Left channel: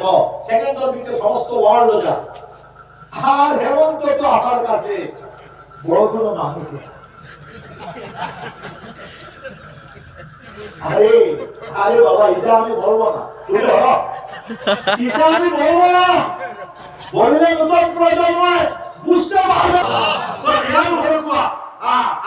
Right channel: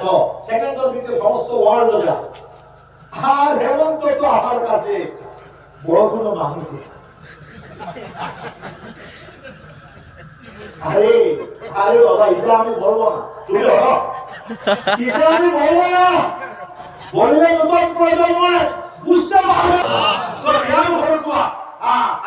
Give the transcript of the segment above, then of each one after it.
তো সেকেন্ডের ভিতরে সমস্ত ওয়ার্ল্ড যায়। আর হেমন্ত তো আমার কাছে বড় কোনো মানুষ না। আরে আরে বাবা, এটা আমি বলবো না, তুমি বলো। এটা আমি বলবো না, বললে নতুন প্রজন্মে বুঝতে পারবে তো জ্ঞান হলো কুয়া।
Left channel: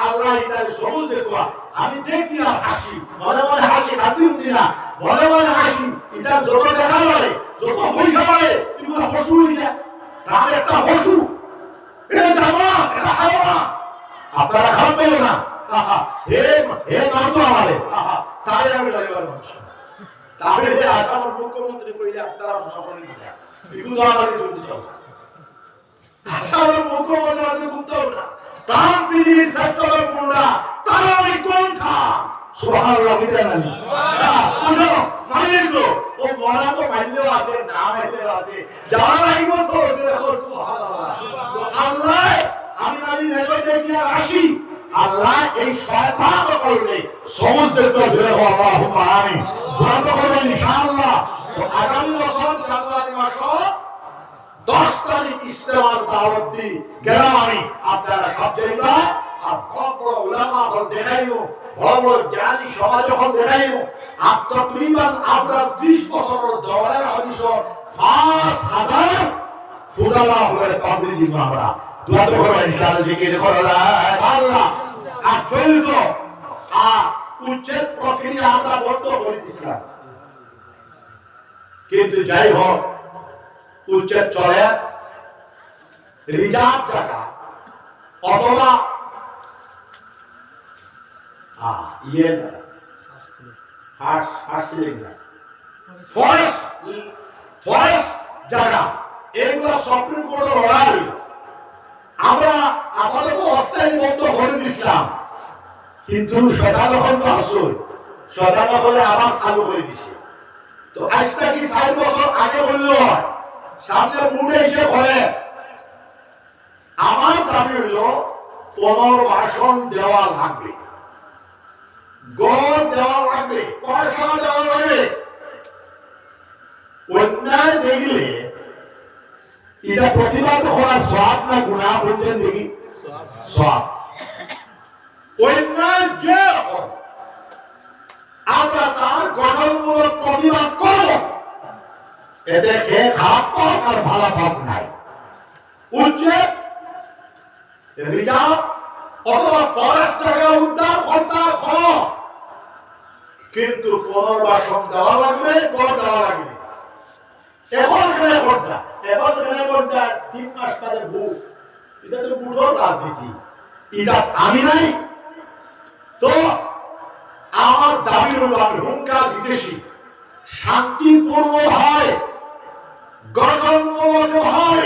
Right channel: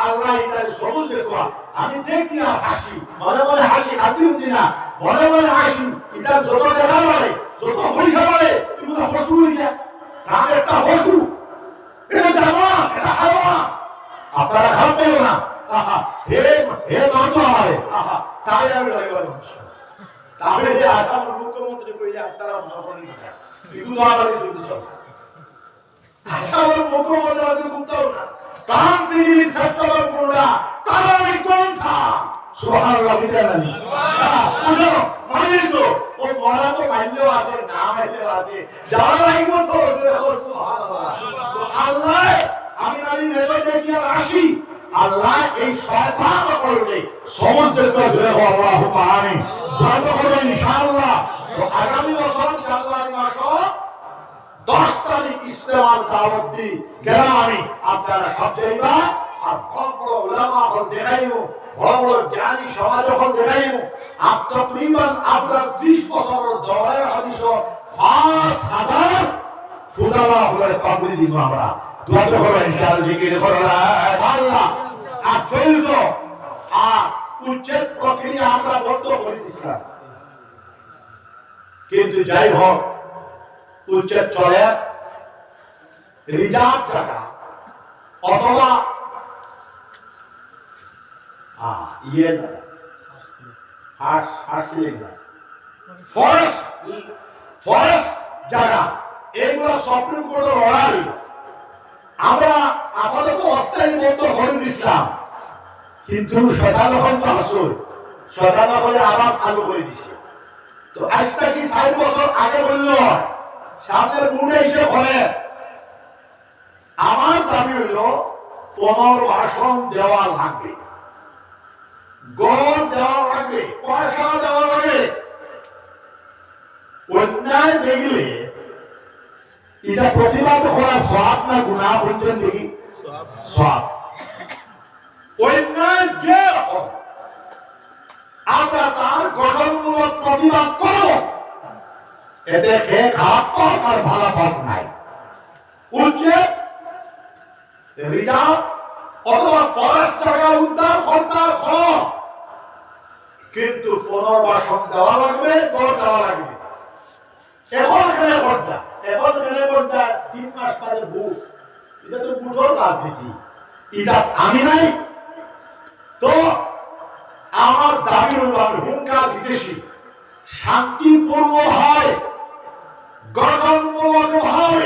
আল্লাহ তার সবুজ দেখুয়া আমি দেখি আর হাসি, মনে মনে হাসি, খাদ্য উঠি না, মনে মনে হাসি। এটার যত দেখা পারে, যত পয়সা পারে, এগুলো পশু হয়ে যায়। তার একটা পশু, এটা জামা, এটা হাওয়া। আপনারা খান পেও না। হে হে নাম তো আমারে, তারে আমি ডরে বলবো। তাহলে আসামের মুখ্যমন্ত্রী কইলে আপনারা মনে করেন এগুলো আমাদের জন্য আসামের মুখ্যমন্ত্রী আমাদের কুমতাও না। প্রাণ পৃথিবীর শ্রেষ্ঠতম কোনটা, তারা আমি কোনটা। সুবহানাল্লাহ বিদায়। বুঝো মানে তো ও মরা তো পাইলেও আছে, না পাইলেও আছে, যাওয়া লাগব তো জোরে বল সুবহানাল্লাহ। তো আল্লাহ আমি নালি নেজর দেখি আর আসি, আল্লাহ এই শয়তান করলে সমস্ত জোরে বল আল্লাহুম্মা আমিন। দোয়া করবেন ইনশাআল্লাহ। তো আগামী বছর জানুয়ারি মাস 10 তারিখ ইস্তেমার দাওয়াত দি গেলাম আমি, আপনারা সব যাইবা। আর বড় বড় উলামা হল দেখাইবো, বড় বড় জ্ঞানী সমাজ হল দেখাইবো। তকরিবান আমরা 30 বছরের দৌড়ায় হাদিস 5000 ফুজালা হলে পাবলি দিব আমরা। দোয়া তো করবেন ইনশাআল্লাহ, জিকির করবেন আল্লাহ। আর চলিত উচ্ছেদ প্রক্রিয়া আমরা বন্ধ করে দিছিলাম, কিন্তু যাই হোক উচ্ছেদ চলে। রিজার্ভ জায়গা অথবা ফরেস্ট জায়গা, এগুলো সুপ্রিম কোর্টের অর্ডার। আমরা আপাতত অস্থায়ী বন্ধ করে দিয়েছিলাম, কিন্তু সেটা যখন আসল সেটা যখন আবার চালু করে দিচ্ছে। তো আজ থেকে 60 বছর আগে বলল সামনে বুটে এসে বলে, আমার দাবি হইল পুনর্বাসন দেওয়া লাগবে, গড় দেওয়া লাগবে, পয়সা দেওয়া লাগবে। অন্যায় দেখলে এটা প্রতিবাদ করা সওয়াব না গুনাহ বলছেন দেখি? সওয়াব। অন্যায় যে আমরা তার গঠনমূলক প্রতিবাদ করব, এতে কে খারাপ পাক আর ভালো পাক নাই। উচ্ছেদ, রিজার্ভ অথবা ফরেস্ট জায়গা উদ্ধার করতে হবে, কিন্তু পুনর্বাসন দেওয়া লাগবে, গড় দেওয়া লাগবে। এখন এখানে করতা, এখন এখানে করতা 3 মাস বাদে ভূত, এটা তো বুঝোর রাজনীতি, এটা আমি নাই। তো আমার দাবির উপর আমি হুঙ্কার দিতেছি, শান্তিপূর্ণভাবে গঠনমূলকভাবে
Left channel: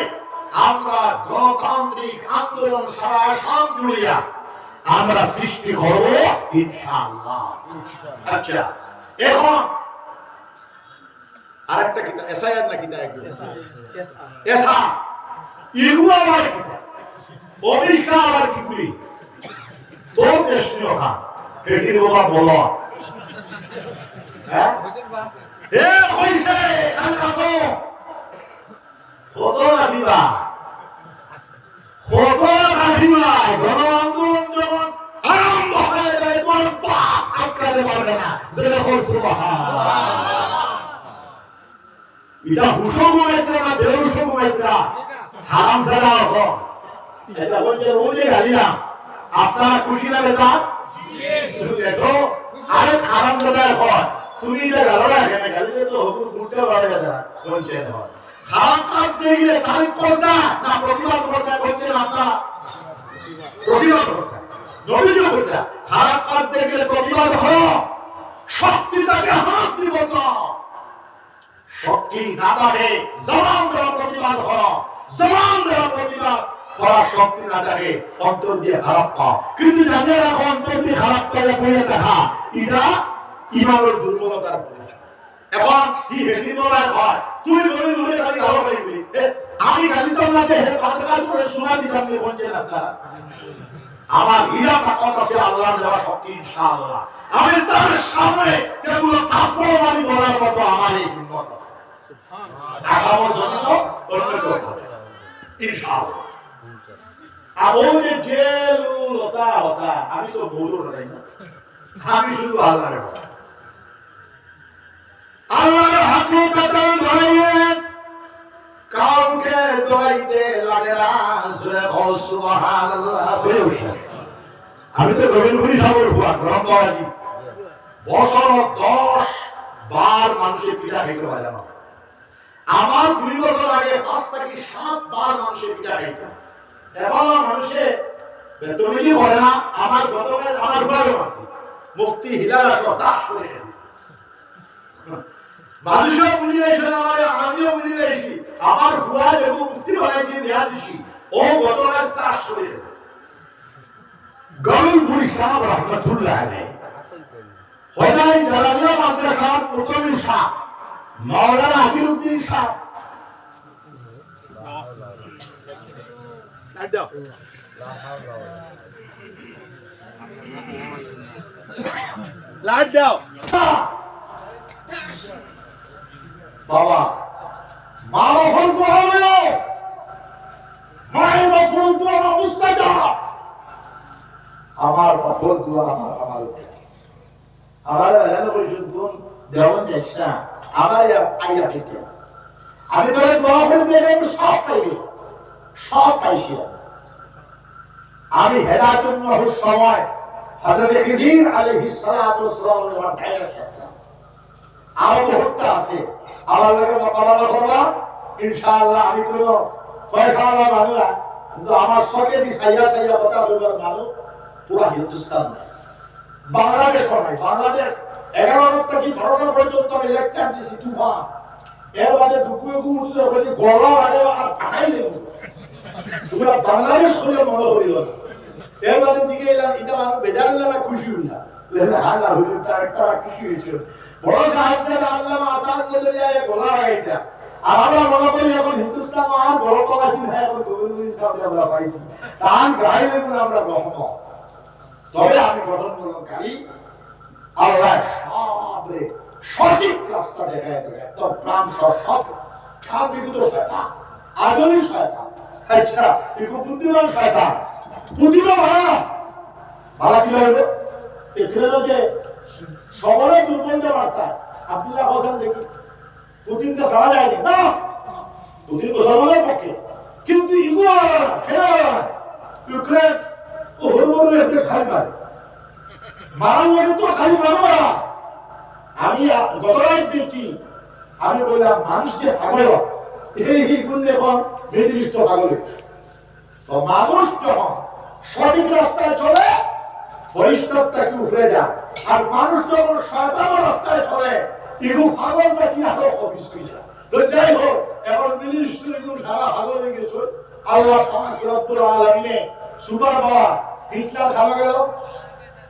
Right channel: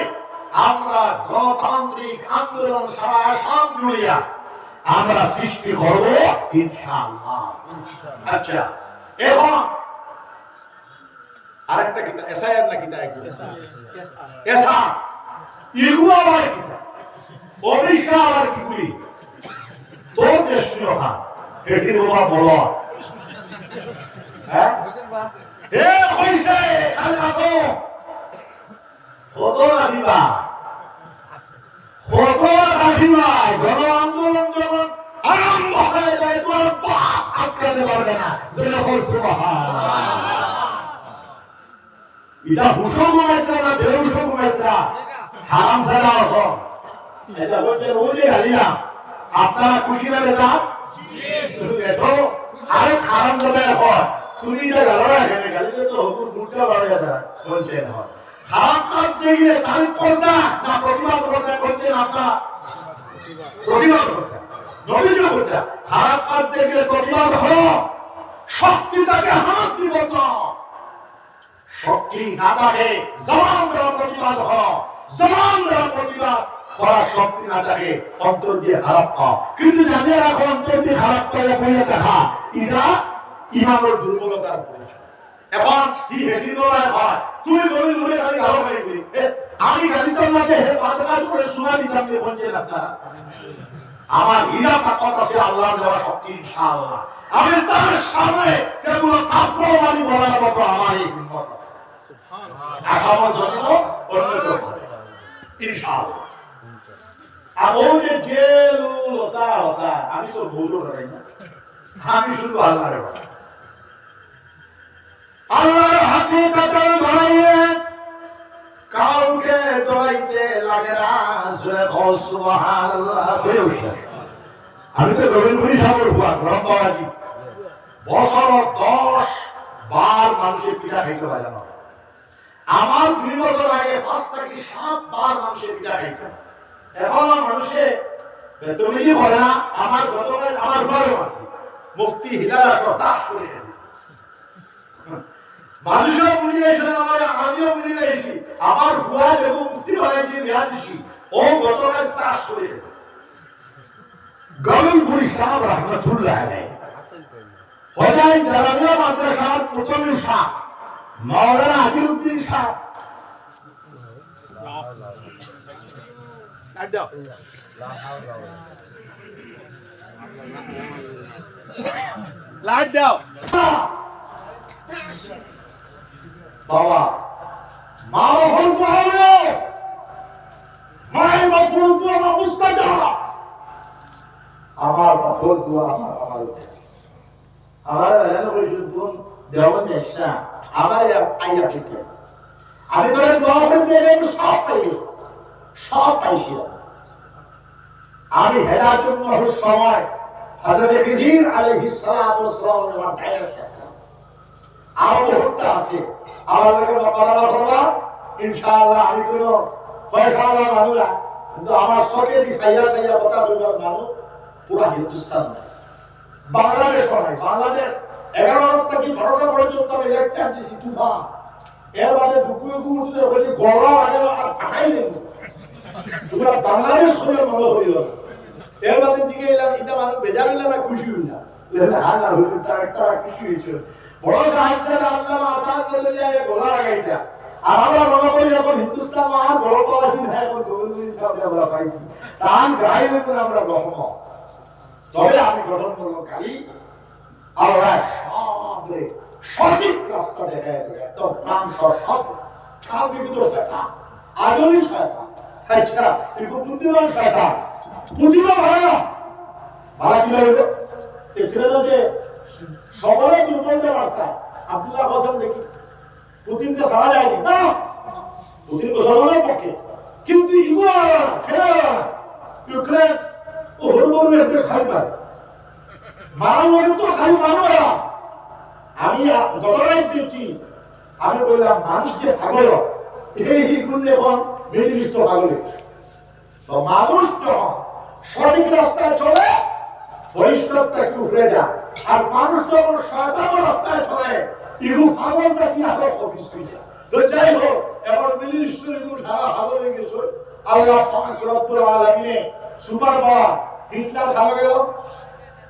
আমরা গণতান্ত্রিক আন্দোলন সারা আসাম জুড়িয়া আমরা সৃষ্টি করব ইনশাআল্লাহ। আচ্ছা, এখন আরেকটা কিতা এসআইআর না কিতা একদম এসা ইগু আবার কিতা অবিশ্বা আবার কি করি তোর দেশ নিও না এটি বাবা বলো। হ্যাঁ হে কইছে খানা তো কত রাখিবা, কত রাখিবা। গণ আন্দোলন যখন আরম্ভ হয়ে যায় তোর পাপ আটকাতে পারবে না। যেটা বল সুবহানাল্লাহ। এটা হুশো ঘুমাইতে না বেহুশো ঘুমাইতে হারাম জাদা হতো। এটা বলছে ওই গালিয়া আপনারা খুশি না বেটা? তুমি দেখো আরে হারাম জাদা হয়, তুমি এটা গালরা এখানে গালিলে তো হুকুম দুটো বাড়ে যায় বলছে হয়। খারাপ কাজ দেখলে তারিফ করতে না প্রতিবাদ করতে করতে না, আপনারা প্রতিবাদ করতে নবীজি করতে। খারাপ কাজ দেখলে প্রতিবাদ হলো, শক্তি তাকে হাত দিব না, শক্তি না থাকে জবান দ্বারা প্রতিবাদ হলো, জবান দ্বারা প্রতিবাদ করার শক্তি না থাকে অন্তর দিয়ে খারাপ পাও। কিন্তু জানিয়ে রাখো অন্তর দিয়ে খারাপ পাইয়া হয়ে থাকা এটা ইমানের দুর্বলতার পরিচয়। এখন কি হেকির বাবা হয় তুমি বলে দূরে খালি গালো নেই বলি আমি গালিতাম না যে হে পাতকার করে শোনা দিতাম না বলছে না আপনারা। আমার হীরা তাকত আছে আল্লাহর দেওয়া শক্তি ইনশাআল্লাহ। আমি তার সামনে কেবল থাপ্পড় মারি বলার মতো আমার এই হিম্মত আছে। আগামী জন্য অন্য কেউ হবে ইনশাআল্লাহ। আমার যে জেলু লতা হতা আমি তো বলবো না, আমি শুধু আল্লাহর আল্লাহর হাকিকত ধরে কাউকে ডরাইতে লাগে না। সুবহানাল্লাহ। আমি তো গরিবুরি সাগর হুয়া গ্রন্থবাজি বছর 10 বার মানুষের পিঠা খাইতে পারে না। আমার 2 বছর আগে 5 থেকে 7 বার মানুষের পিঠা খাইতাম। এখন মানুষে বেতমিজি করে না। আমার গতকাল আমার ঘরে আছে মুফতি হিলাল আসর দাস করে গেছে। মানুষও বুঝি যাইছে না, মানে আমিও বুঝি যাইছি। আমার হুয়া এবং মুফতি বানাইছি নিয়াদিছি ও গতকাল দাস করে গেছে। গরিবুরি সাহেব রহমাতুল্লাহ আলাইহি হযরত জালালিয়া মাদ্রাসার মুতাল্লি সাহেব মাওলানা আজিরউদ্দিন সাহেব লাইট দাও বাবা। মা বাবার দোয়া নিও, মায়ের বাবার দোয়া মুস্তাজাব। আমার বাবার দোয়া আমার এলাকা পরিষদ যেমন যাইস না আমার আইয়া পেতে আমি তোরে দোয়া করে দিয়ে সব পাইবে, সব পাইছি। আমি হেদায়েতের নহর সময় হযরত খিজির আলাইহিস সালাতু ওয়াস সালামের ডাইরেক্ট আরো বহুত আছে। আমার লাগে মোকাবেলা করবা ইনশাআল্লাহ। আমি কোনো ফয়সালা মানুষ না, কিন্তু আমার শখে দি সাইয়া সাইয়া কথা কইবার মানুষ পুরা হিন্দুস্তান নাই, বাংলাদেশ নাই। বাংলাদেশ 11টা থেকে 12টা পর্যন্ত আমি লেকচার দিছি তুফান। এর মানে দুপুরে উঠলে বলি গলা আগে আর পাঠাই দেব তোমরা বাংলাদেশ করে মনে করিও। এর মানে দিকে এলাম এটা মানুষ বেজার হইলা না খুশি হইলা আল্লাহ হুজুর তারা খুশি হয়েছে। বড় সাহিত্য আল্লাহ আসার বদলে গলা লাগাইতা। আর আমরা মনে করি এখন হিন্দুস্তান আর গলা পাইছি না, এখন গোবিন্দপুরি সাহেব আমরা পাইছি তার গায়ে আমরা রহমত। তবে আমি গঠন করলাম কালি আল্লাহ সবরে সঠিক রাস্তা দেখায় দেবে। একদম প্রাণ সব খাল বিগত শয়তান, আগুনি শয়তান, আচ্ছা একটু বুদ্ধিমান শয়তান, বুদ্ধিমান ভালো না ভালো কি হইবে এখানে যে সকলে দুর্বলতা বার্তা আব্দুল্লাহ হোসেন দেখি পুতিনকে সারা যায়নি না, পুতিন মুসলমানের পক্ষে, কিন্তু ইগো আলাদা না, খেলা আলাদা না। ইউক্রেন ও হরুবরু একটু খালি মারে মারার লোকের তো খালি মারো মারা। আমি গত রাত দেখছি, আমি বললাম মানুষ যে পাগল এই গুণ এখন মিডল ইস্ট পাগল। তো মানুষ যখন সঠিক রাস্তায় চলে ফরিস্তারটাকে উঠে যায়, আর মানুষ যখন শয়তানের রাস্তায় চলে ইগু পাগলটা কি আরো অফিস হয়ে যায়। তো যাই হোক এখন মিডল ইস্টের এগুলো সারা পাগল হয়ে গেছে। আল্লাহ পাক রব্বুল আলামিনে সুপার পাওয়ার হিটলার খাওয়া গেল,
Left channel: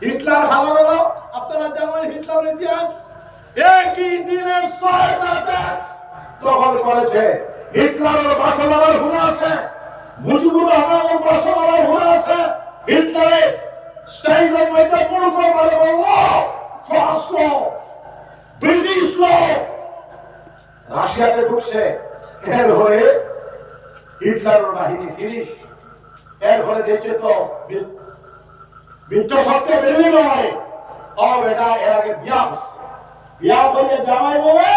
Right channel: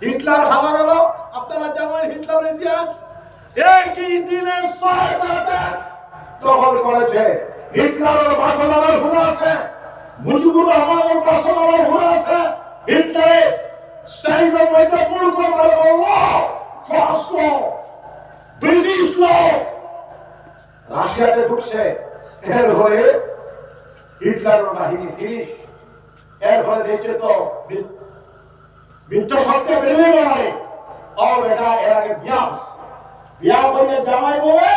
হিটলার খাওয়া গেল। আপনারা জানেন হিটলারের ইতিহাস একই দিনে 6টা দেশ দখল করেছে। হিটলারের বাসনার হুড় আছে, মুজিবুর রহমানের বাসনার হুড় আছে। হিটলারে স্টাইলের মধ্যে মনে করে বলে ফ্রান্স ল, ব্রিটিশ ল, রাশিয়াতে ঢুকছে। এর ফলে হিটলারের বাহিনী ফিনিশ। এর ফলে দেখছে তো মিত্র সত্যি বেরিয়ে গেল। ও বেটা এর আগে বিয়া করে জামাই বলে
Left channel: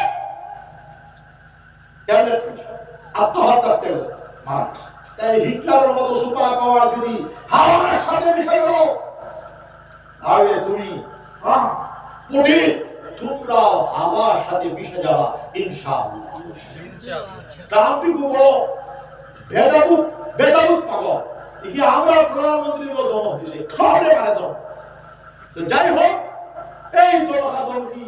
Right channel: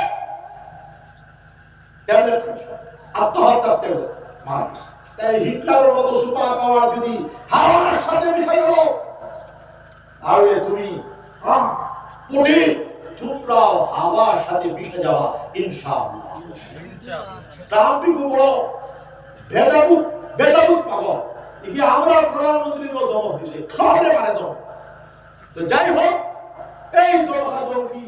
আত্মহত্যার তেলে মারা গেছে। তাই হিটলারের মতো সুপার পাওয়ার যদি হাওয়ার সাথে মিশে গেল তাহলে তুমি পুতিন তোমরাও হাওয়ার সাথে মিশে যাবা ইনশাআল্লাহ। ট্রাম্প বড় বেতাবুত পাগল। একে আমরা প্রধানমন্ত্রীর দমক দিছে, সবরে পারে দমক। তো যাই হোক এই দমকা দমকি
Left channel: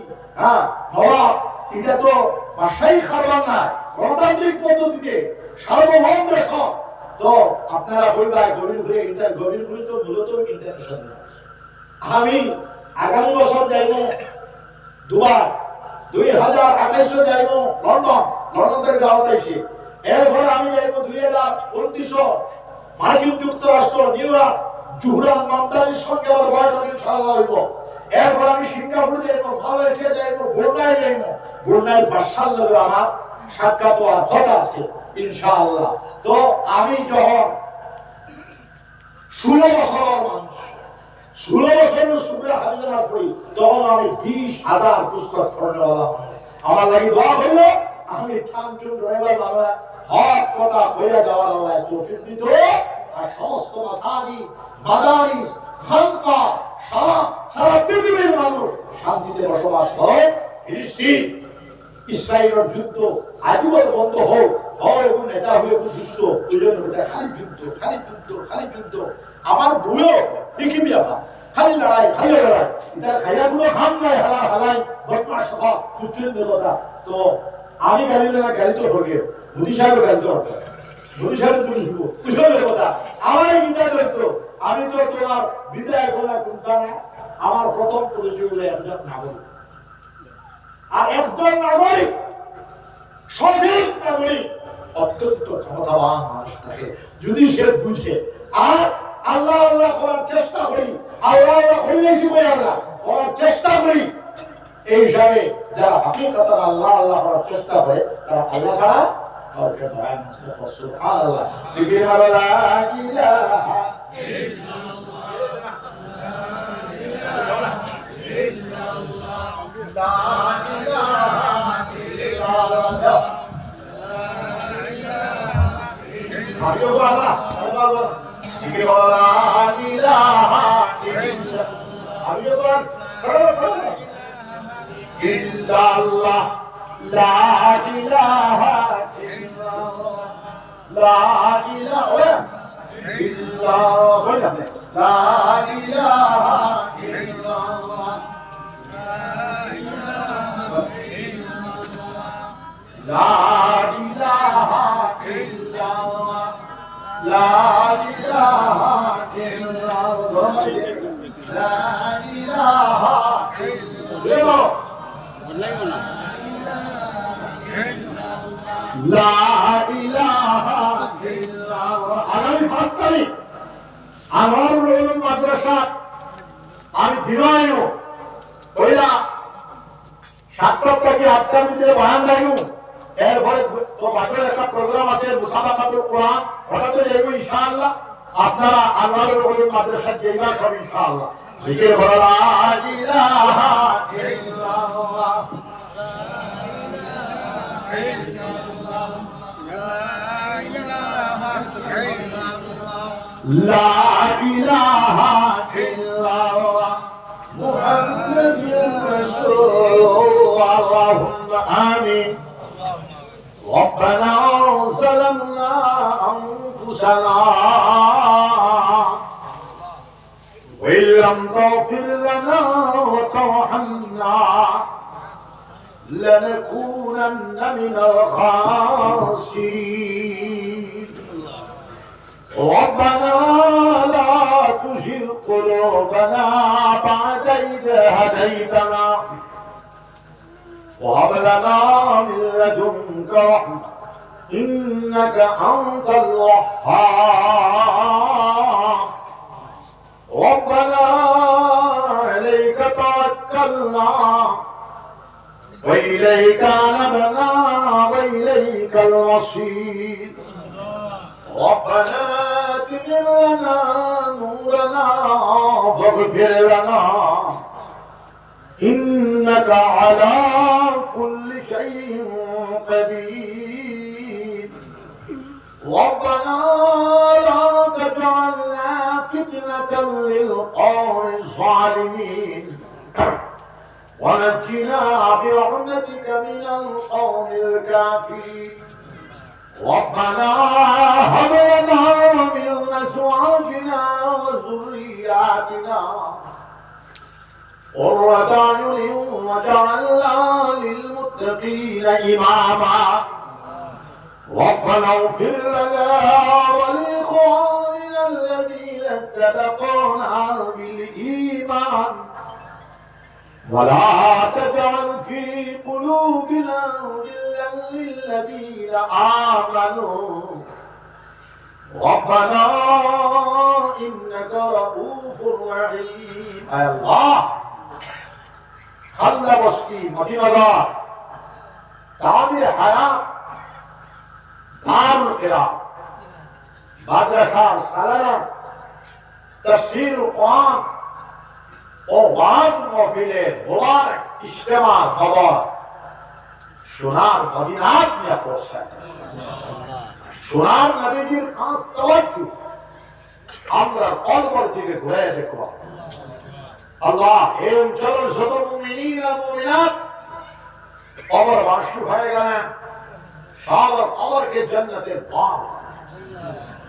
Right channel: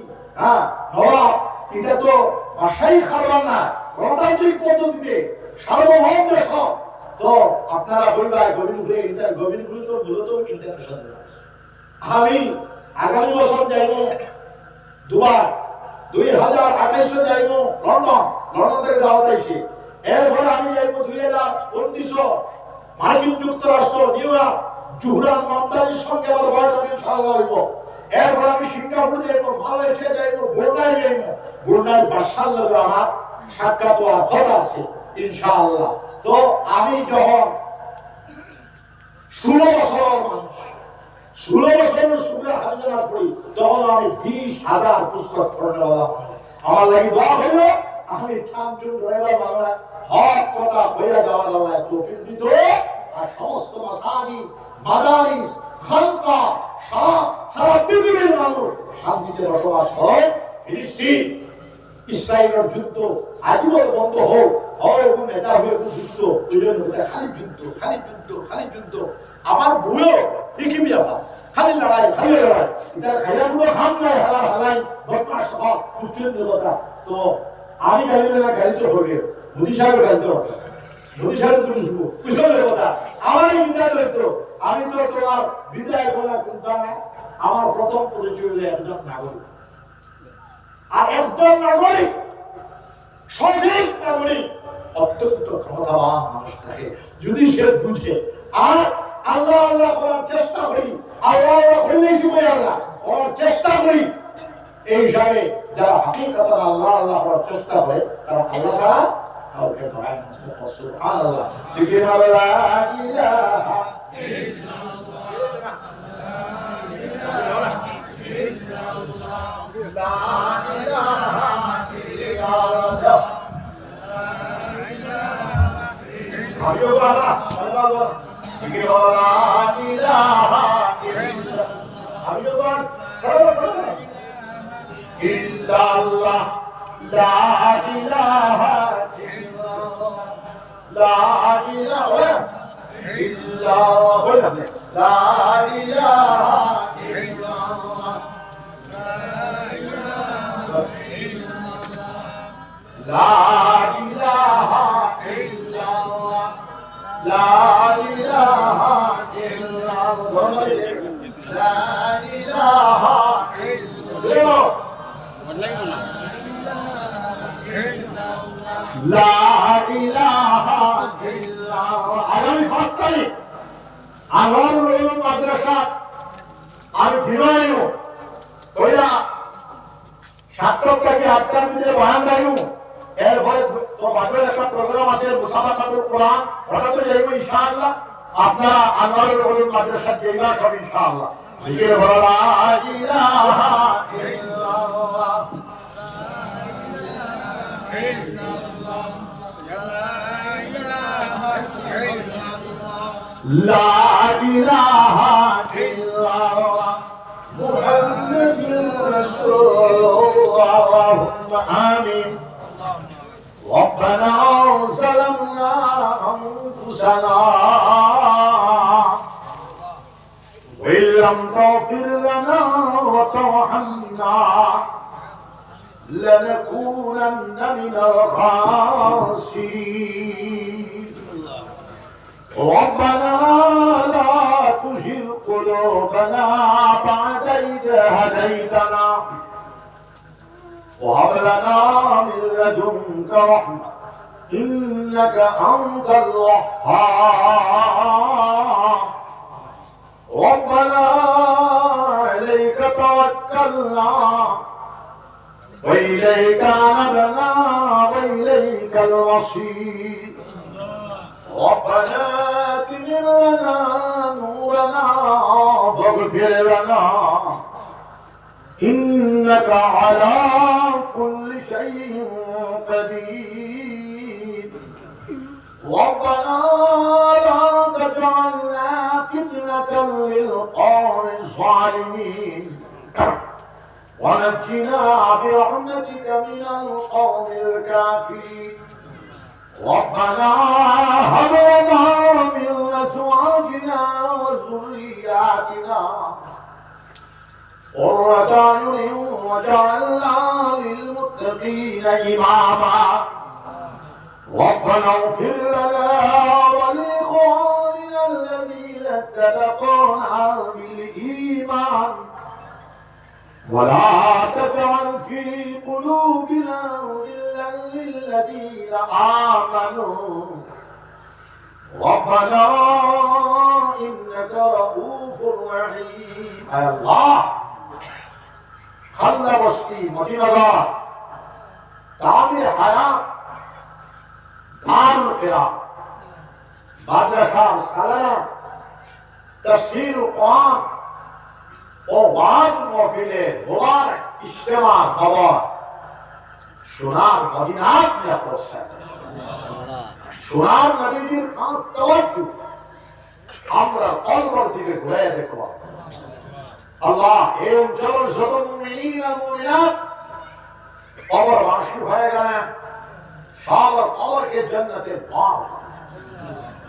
নবাব এটা তো বাসাই খাবার না, গণতান্ত্রিক পদ্ধতিতে সার্বভৌম দেশ। তো আপনারা বইবাই গোবিন্দপুরি তো মূলত ইন্টারন্যাশনাল। আমি আগামী বছর যাইব দুবার, 2028 যাইব লন্ডন থেকে দাওয়াত আইছে। এরপরে আমি যাইব 2029 মার্কিন যুক্তরাষ্ট্র নিউ ইয়র্ক জুহরান মামদানির সঙ্গে আবার বয়কট ইনশাআল্লাহ হইব। এরপরে আমি সিঙ্গাপুর যাইব, মালয়েশিয়া যাইব, ব্রুনাই যাইব। ব্রুনাই বাদশার লগে আমার সাক্ষাৎ হওয়ার কথা আছে ইনশাআল্লাহ। তো আমি যখন 16 বছরের মানুষ, 16 বছরের শুকরা হাফিজানা পড়ি, তখন আমি 20,000 পুস্তক পড়নেওয়ালা। আমার লাগি দোয়া হইল আমি ঠামঠুম ড্রাইভার বাংলা হক কথা হইয়া যাওয়ার আল্লাহ তৌফিক দিত। আর সমস্ত মাসাজিদ, মাদারিস, খানকা সারা পৃথিবীর মানুষ শান্তিতে বসবাস করে। ফিলিস্তিন ইসরায়েলের যুদ্ধ আজীবন বন্ধ হোক, হয় এবং নেতা হয়ে খুব দুষ্ট, ওই জন্য খালি যুদ্ধ, খালি যুদ্ধ, খালি যুদ্ধ। আমার বউও একই বিয়াফা, খালি লড়াই, খালি লড়াই। এটার খাইয়াগুলো খান নাই, হালা হালাই বদমাশ সব কুচ্ছন্দ কথা। তো আমি গালি দিলে গালি তো হবে, মোদি সাহেবের গালি তো হবে, মোদি সাহেব তুমি শুনবো কুশলের কথা। আমার এই বিদায় ধরত, আমি তো তোমার বিদায় বলা চিন্তা নাই। আমার প্রথম পরিচয় হলো একজন নাগরিক। আর একজন নাগরিক, সঠিক নাগরিক, অত্যন্ত ক্ষমতাবান মানুষ থাকে যদি সে বুঝে। আর আল্লাহ আল্লাহ করার চেষ্টা করি, আল্লাহ আল্লাহ করলেই বই আল্লাহ করার চেষ্টা করি। এই হিসাবে যারা হাকিকতান আল্লাহ আল্লাহ করার চেষ্টা করে তারা আল্লাহ ছাড়া কাউকে ধরায় না। সুবহানাল্লাহ। জিকির মারো লা ইলাহা ইল্লাল্লাহ, লা ইলাহা ইল্লাল্লাহ। আমিও আল্লাহ আরে বাবা জিকির করো লা ইলাহা ইল্লাল্লাহ। আমিও পড়ো ইল্লাল্লাহ, লা ইলাহা ইল্লাল্লাহ, লা ইলাহা ইল্লাল্লাহ, লা ইলাহা ইল্লাল্লাহ, লা ইলাহা ইল্লাল্লাহ, লা ইলাহা ইল্লাল্লাহ, লা ইলাহা ইল্লাল্লাহ, লা ইলাহা ইল্লাল্লাহ। আগামী 5 তারিখ আনোয়ারুল উলুম মাদ্রাসা আমি দিবাইনো ওইটা 7 তারিখে 8 টার ভিতরে বয়ান রাখবো। এরপরে তো বাদের একটা প্রোগ্রাম আছে মুসাবাকাতুল কোরআন, ওটা তো যাবো ইনশাআল্লাহ। আপনারা আনোয়ারুল উলুম মাদ্রাসা যাইবা সব ইনশাআল্লাহ। জিকির করো লা ইলাহা ইল্লাল্লাহ, লা ইলাহা ইল্লাল্লাহ, মুহাম্মাদুর রাসূলুল্লাহ। আমিন। ربنا ظلمنا أنفسنا وإن لم تغفر لنا وترحمنا لنكونن من الخاسرين. ربنا لا تزغ قلوبنا بعد إذ هديتنا وهب لنا من لدنك رحمة إنك أنت الوهاب. ربنا عليك توكلنا وإليك أنبنا وإليك المصير. ربنا أتمم لنا نورنا واغفر لنا إنك على كل شيء قدير. ربنا لا تجعلنا فتنة للقوم الظالمين ونجنا برحمتك من القوم الكافرين. ربنا هب لنا من أزواجنا وذرياتنا قرة أعين واجعلنا للمتقين إماما. ربنا اغفر لنا ولإخواننا الذين سبقونا بالإيمان ولا تجعل في قلوبنا غلا للذين آمنوا ربنا إنك رؤوف رحيم. الله خلى بشتي مدينة تعمل حياة দারুল কিরাত, মাদ্রাসা, সালাম, তাফসীর কোরআন ও ওয়াজ মাহফিলে মোবারক ইজতেমা খবর সোনার মদিনাত নিয়ে পৌঁছায়। সোনার নবীজির খাস তাওয়াজ্জু আমরা অন্তর থেকে ঘুরে দেখব। আল্লাহ এই অঞ্চলের যত মুমিনিন আর মুমিনাত কবরবাসী হয়ে গেলেন, সবার কবরকে জান্নাতের বাগ,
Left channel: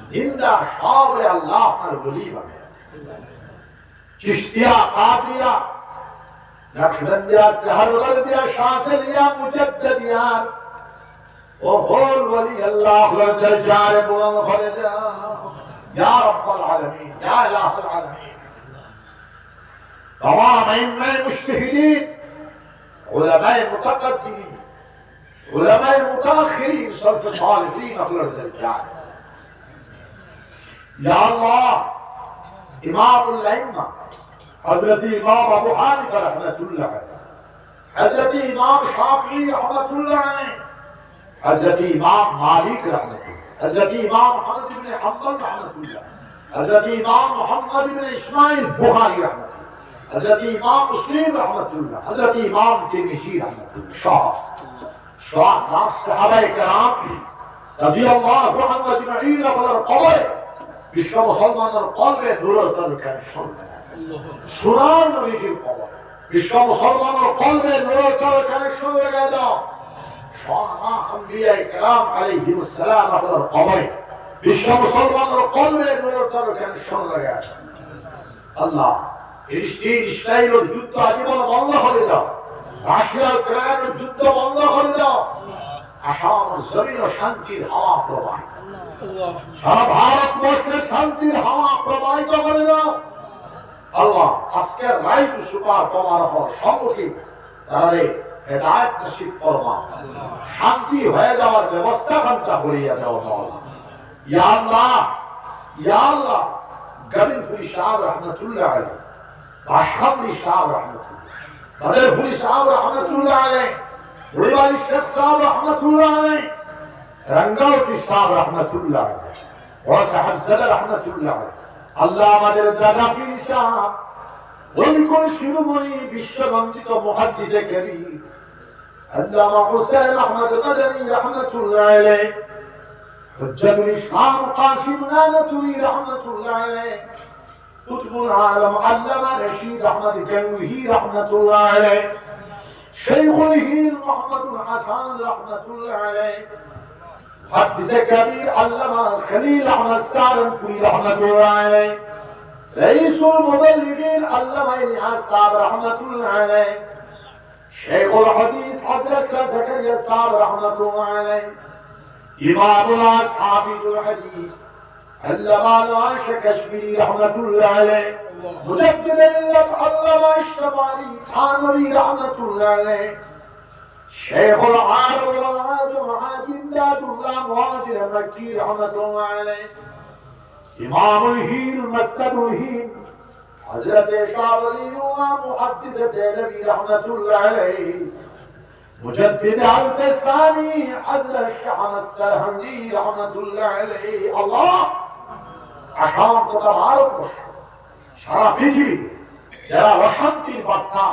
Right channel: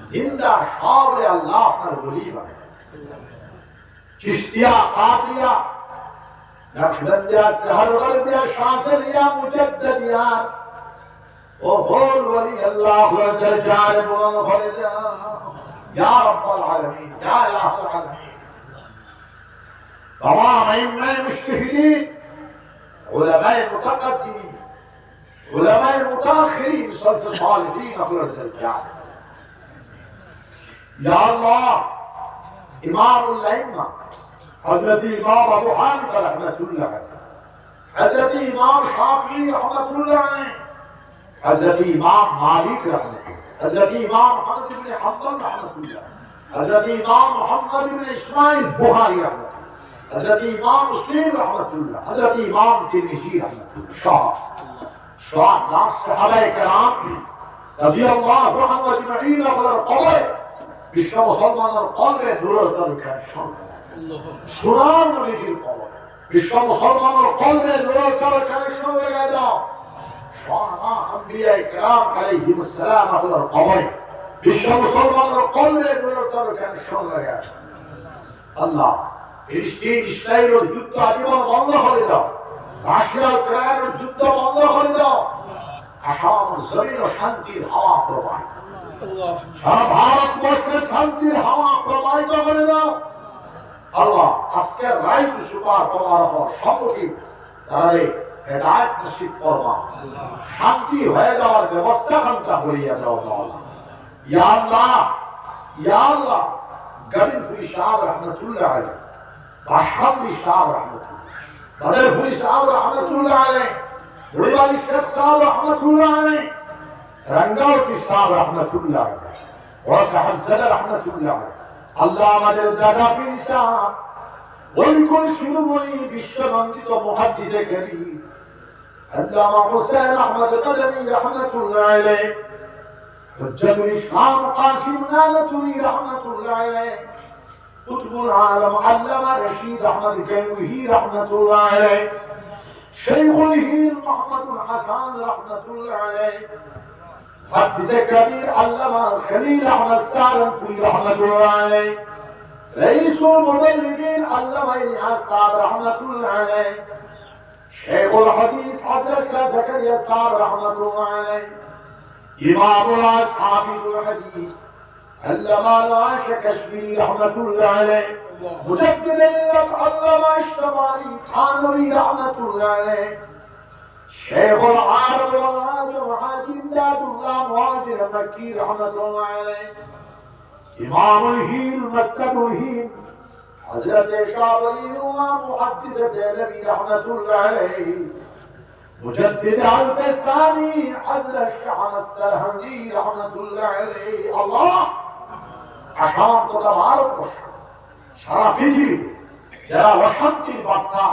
জিন্দা সবরে আল্লাহ আপনার ওলি বানায়। চিশতিয়া, কাদরিয়া, নকশবন্দিয়া, সেহরওয়ার্দিয়া, শাযলিয়া, মুজাদ্দিদিয়া ও হোল ওলি আল্লাহ দরজার বুলন্দ করে দাও ইয়া রাব্বাল আলামিন, ইয়া ইলাহুল আলামিন। तमाम अइम्मा मुज्तहिदीन, उलमाए मुतक़द्दिमीन, उलमाए मुतअख़िरीन, सल्फ़ सालिहीन अहले दरजात। या अल्लाह, इमामुल अइम्मा हज़रत इमाम अबू हनीफा रहमतुल्लाह अलैह, हज़रत इमाम शाफ़िई रहमतुल्लाह अलैह, हज़रत इमाम मालिक रहमतुल्लाह, हज़रत इमाम अहमद इब्न हम्बल रहमतुल्लाह, हज़रत इमाम मुहम्मद इब्न इस्माइल बुखारी रहमतुल्लाह, हज़रत इमाम मुस्लिम रहमतुल्लाह, हज़रत इमाम तिरमिज़ी रहमतुल्लाह, शाह सहाबाए किराम রাদিয়াল্লাহু আনহুম আজমাইন আপনার কবরে বিশ্ব মুসলমানের কলবে দূরতর কাশন সোনার নবীজির কবর বিশ্ব মুসলমানের কলবে দূরতর কাশন হয়ে যাও। শাহ আম্বিয়া কিরাম আলাইহিস সালাম আপনার কবরে বিশ্ব মুসলমানের কলবে দূরতর কাশন হয়ে গেছে। আল্লাহ ফিলিস্তিন ইসরায়েলের যুদ্ধ আজীবন বন্ধ করে দাও, রাশিয়া ইউক্রেনের যুদ্ধ বন্ধ করে দাও, আসাম জমিন শান্তির হাওয়া প্রবাহিত, সারা ভারতবর্ষের শান্তির হাওয়া প্রবাহিত করে দাও। আল্লাহ আজকের রায় সুপার পাওয়ার পর সম্মুখীন তারা হেদায়েত নসিব করবা, শান্তি হয়ে যাওয়ার ব্যবস্থা ঘন্টা করিয়া দাও। ইয়া আল্লাহ, ইয়া আল্লাহ, গরিবুল শাহ রহমতুল্লাহ আলাইহি, বাশারুল শাহ রহমতুল্লাহ, বদরুল শাহ রহমতুল্লাহ আলাইহি, বুড়িবাড়ি শেখ সাহেব রহমতুল্লাহ আলাইহি, রঙ্গাউটি শাহ রহমতুল্লাহ আলাইহি, ওরা সাহেব সাদা রহমতুল্লাহ আলাইহি। আল্লাহ আমাদের দাদা পীর সাহেব ওই কোন শিরোমণি বিশ্ববন্দিত মুহাদ্দিসে কারীম আল্লামা হুসাইন আহমদ মাদানী রহমতুল্লাহ আলাইহি, হুজ্জাতুল ইসলাম কাসিম নানতুই রহমতুল্লাহ আলাইহি, কুতুবুল আলম আল্লামা রশিদ আহমদ গঙ্গুহি রহমতুল্লাহ আলাইহি, শাইখুল হিন্দ মুহাম্মদুল হাসান রহমতুল্লাহ আলাইহি, মুহাদ্দিসে কবির আল্লামা খলিল আহমদ সারনপুরি রহমতুল্লাহ আলাইহি, রাইসুল মুবাল্লিগিন আল্লামা ইলিয়াস সাহেব রহমতুল্লাহ আলাইহি, শাইখুল হাদিস হযরত জাকারিয়া সাহেব রহমতুল্লাহ আলাইহি, ইমামুল আসহাবুল হাদিস আল্লামা নওয়াজ কাশ্মীরি রহমতুল্লাহ আলাইহি, মুজাদ্দিদ মিল্লাত আল্লামা ইশরাফি থানভী রহমতুল্লাহ আলাইহি, শাইখুল আলম হাজিন্দাতুল্লাহ মুহাজির মাক্কি রহমতুল্লাহ আলাইহি, ইমামুল হিন্দ মুস্তাদুল হিন্দ হযরত শাহ ওলিউল্লাহ মুহাদ্দিস দেহলভী রহমতুল্লাহ আলাইহি, মুজাদ্দিদ আল-ফাসানি হযরত শাহ আস-সারহান্দি রহমতুল্লাহ আলাইহি। আল্লাহ আসাম তথা ভারতবর্ষ সারা পৃথিবীতে যারা অশান্তির বার্তা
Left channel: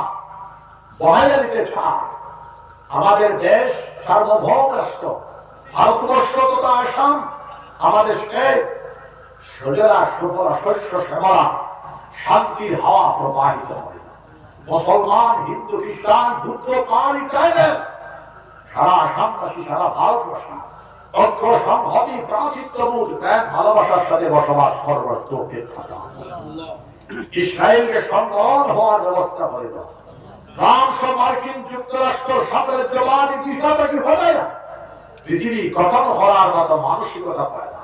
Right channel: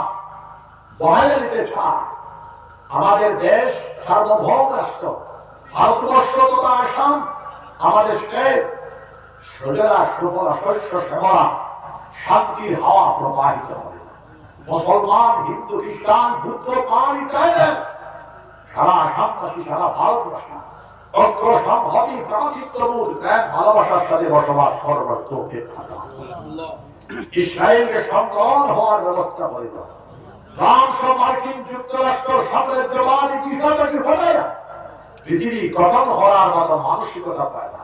বহাইয়া দিতে চায়, আমাদের দেশ সার্বভৌম রাষ্ট্র ভারতবর্ষ তথা আসাম, আমাদের দেশে সজলা সুফলা শস্য শ্যামলা শান্তির হাওয়া প্রবাহিত হবে। মুসলমান, হিন্দু, খ্রিস্টান, বুদ্ধ, পাল, ইটালিয়ান সারা আসামবাসী, সারা ভারতবর্ষী ঐক্য সংহতি ভ্রাতৃত্ববোধ প্রেম ভালোবাসার সাথে বসবাস করবার তৌফিক দাও। ইসরায়েলকে সংগ্রাম হওয়ার ব্যবস্থা করে দাও। ফ্রান্স ও মার্কিন যুক্তরাষ্ট্র সাম্রাজ্যবাদী বিষয়টাকে হলে পৃথিবী গঠন হওয়ার মতো মানসিকতা পায় না।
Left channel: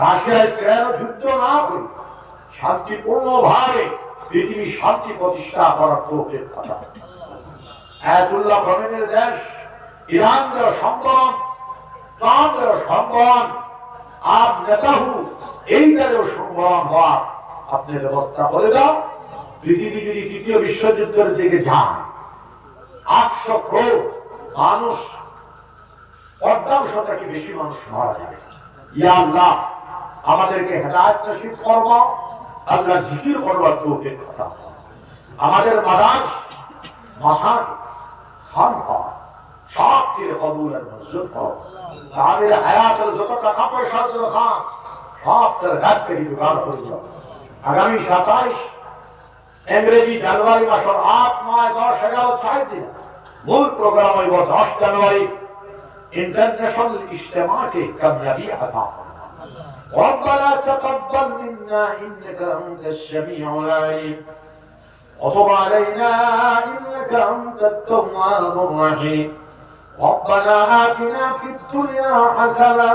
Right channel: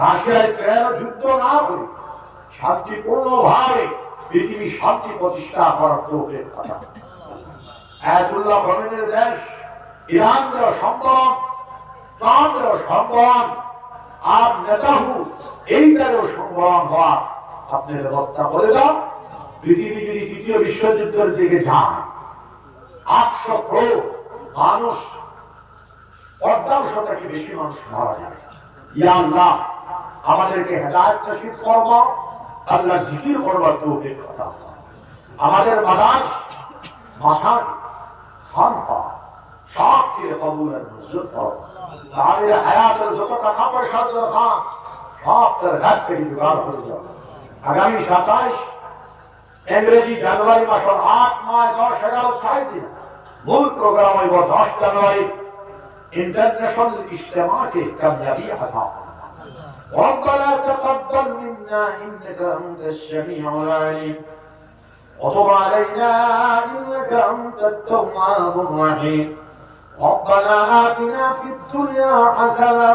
রাশিয়া ইউক্রেন যুদ্ধ না করে শান্তিপূর্ণভাবে পৃথিবী শান্তি প্রতিষ্ঠা করার তৌফিক দাও। আয়াতুল্লাহ খমেনির দেশ ইরান যারা সংগ্রাম, ট্রাম্প যারা সংগ্রাম, আর নেতাহু এইটারও সংগ্রাম হওয়ার আপনি ব্যবস্থা করে দাও। পৃথিবী যদি দ্বিতীয় বিশ্বযুদ্ধের দিকে যায়, 800 কোটি মানুষ পর্দার থেকে বেশি মানুষ মারা যাবে। ইয়া আল্লাহ আমাদেরকে হেদায়েত নসিব করবা, আল্লাহ জিকির করবার তৌফিক দাও। আমাদের মাদাজ মাসাজ খানকা সবকে কবুল আর মঞ্জুর করো। আমাদের হায়াতের যত টাকা পয়সা দরকার সব তার ঘাট থেকে জোগাড় করে দাও। আগামী 27 ইংরেজি জানুয়ারি মাসের 8, 9, 10, 11, 6 দিন মূল প্রোগ্রাম হইব 10 জানুয়ারি इंटरनेशनल इज्तिमा के कामयाबी अता रब्बना तक़ब्बल मिन्ना इन्नका अंतश शमीउल अलीम वतुब अलैना इन्नका अंतत तव्वाबुर रहीम रब्बना आतिना फिद दुनिया हसनह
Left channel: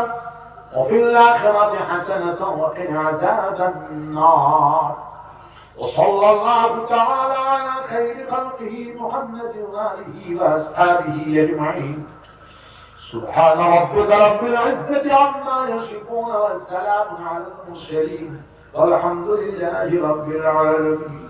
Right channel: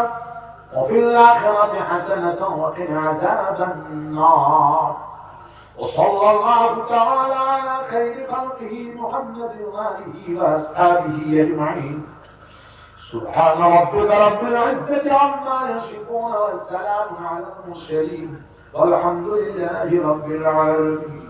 وفي الآخرة حسنة وقنا عذاب النار وصلى الله تعالى على خير خلقه محمد وآله وأصحابه أجمعين سبحان ربك رب العزة عما يصفون والسلام على المرسلين والحمد لله رب العالمين.